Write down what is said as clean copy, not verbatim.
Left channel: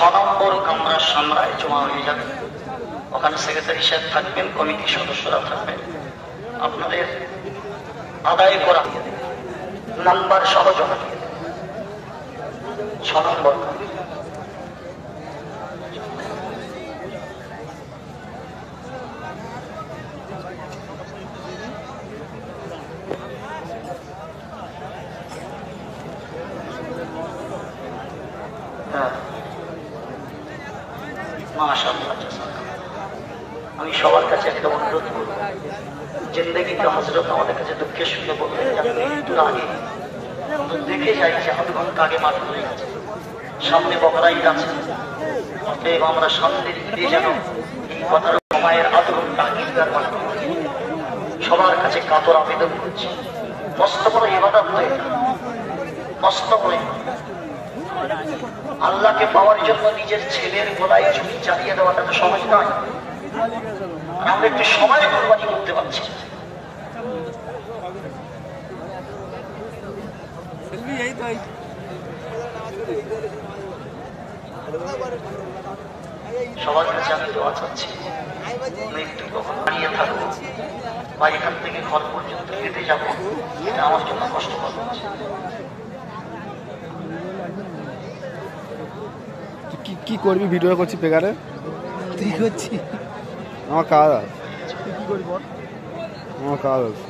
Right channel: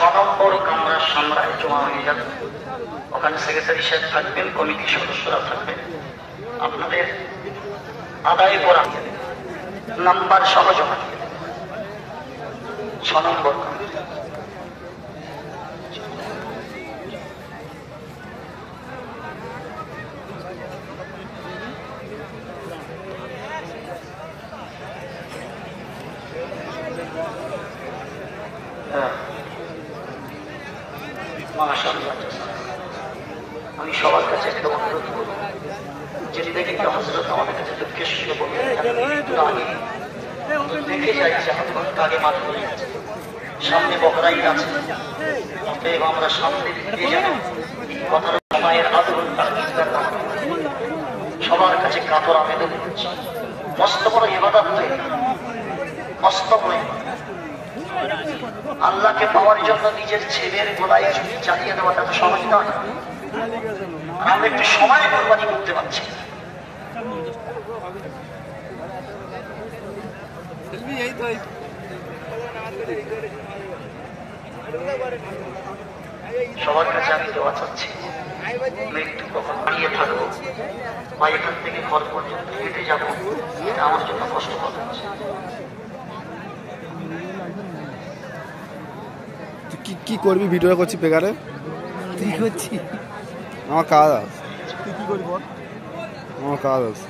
6 নম্বর কামরার সামরায় জমা হয়ে যাবে। ওখানে সেক্রেটারি সাহেব থাকবেন, কমিটির সদস্যরা থাকবেন। আপনাদের আদায় করা নাম্বার সহ জমা দিয়ে দেবেন। 6 নম্বর আমি সবার কাছে একটা অনুরোধ করব, জিন্দেগি का हजरत আমাদের কাছে দুঃখের সঙ্গে বলবেন দেখে যাই যে হাত ঘন্টা আগে মাঠ হয়ে গেছে, সামনে বকরা ঈদ আছে। অতএব আমরা সামনের ঈদে যেন এই কথার সময়ের আদরণ তাকিদার মাত্র সবার কাছে কাতর আবেদন করছি। মস্ত বড় ইবাদত হয়ে মস্ত বড় আল্লাহকে পাওয়ার জন্য নিজের ছেলের গোলায় চুরি চালিয়ে দেওয়াটা তো সহজ না। আমরা একটু সময় কোরবানি করতে পারছি। সবার কাছে আমি দোয়া চাচ্ছি, একটু দাঁড়িয়ে থাকবো বা এখান থেকে ঘর পর্যন্ত হেঁটে যাবো, এটা আমার জন্য কষ্ট হবে। কি করবি? ভিডিও করছি বেকারে, আমার কাজ আছে, আমার কাজ আছে।